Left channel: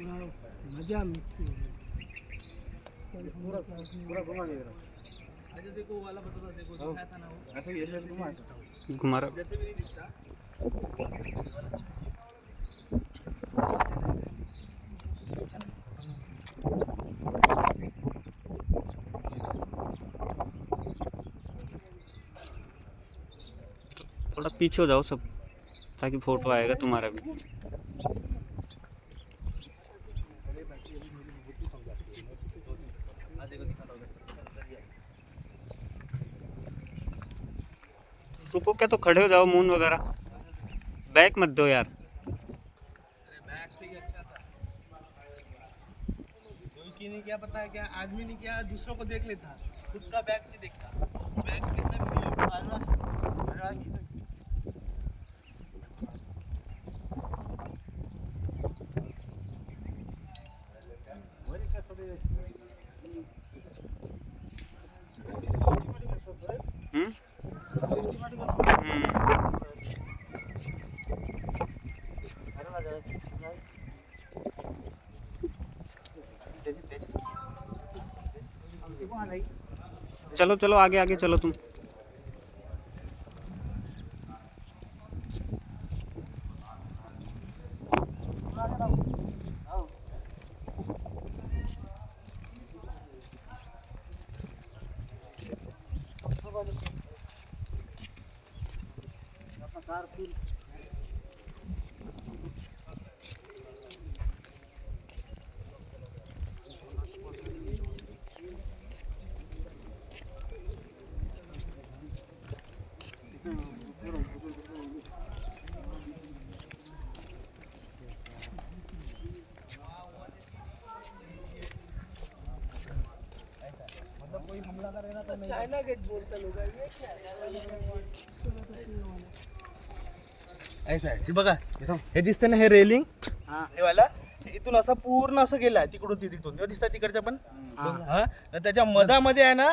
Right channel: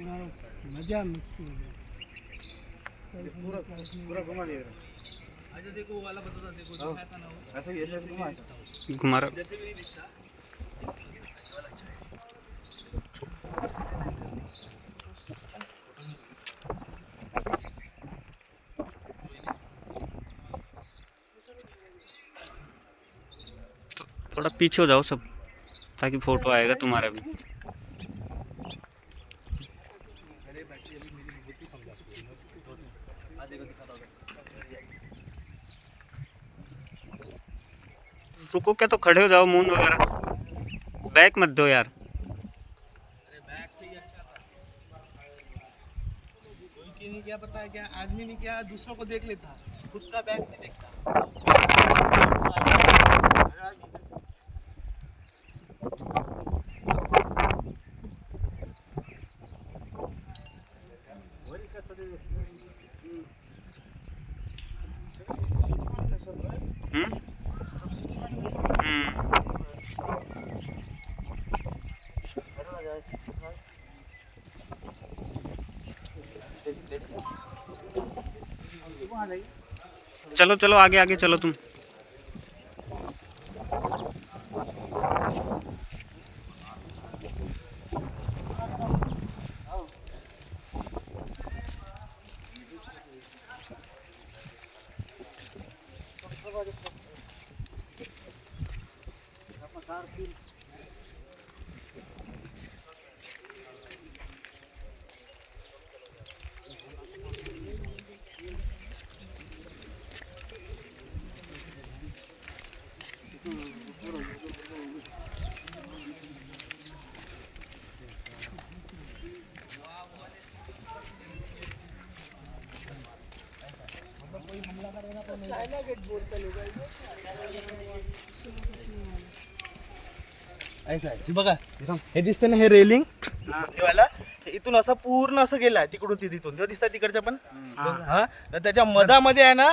मजा पूरा पूरा घुमा लिया। अच्छा देखो वो वाला बता देखो दिखाया था ना वो ऐसे ही ऐसे घुमा घुमा रहा। जैसे भी नहीं दिखता। तो थोड़ा पीछे हो जाओ सब, ताकि फोटो आएगा तुम्हारा भी। रुको क्या, तो खड़े हो जाओ, मून वगैरह बैक मत दो यार। अरे बैक से ही अच्छा था। कोई की नहीं क्या पता है क्या आदमी ने क्या दूसरों को देख लेता, खुद का बैक नहीं देखता। हम्म चलो चलो आगे आगे चलो तुम। चाइना गेट बोलता लोग ऐसा आहे हे बघा, हे दिसतं ना हे रेलिंग, हे वाला इथून असं पूर्ण असं गेलाय तिकडून तिथून तेव्हा दिसतात तिकडच्या पण हा, तर त्याच्या मधामध्ये आहे ना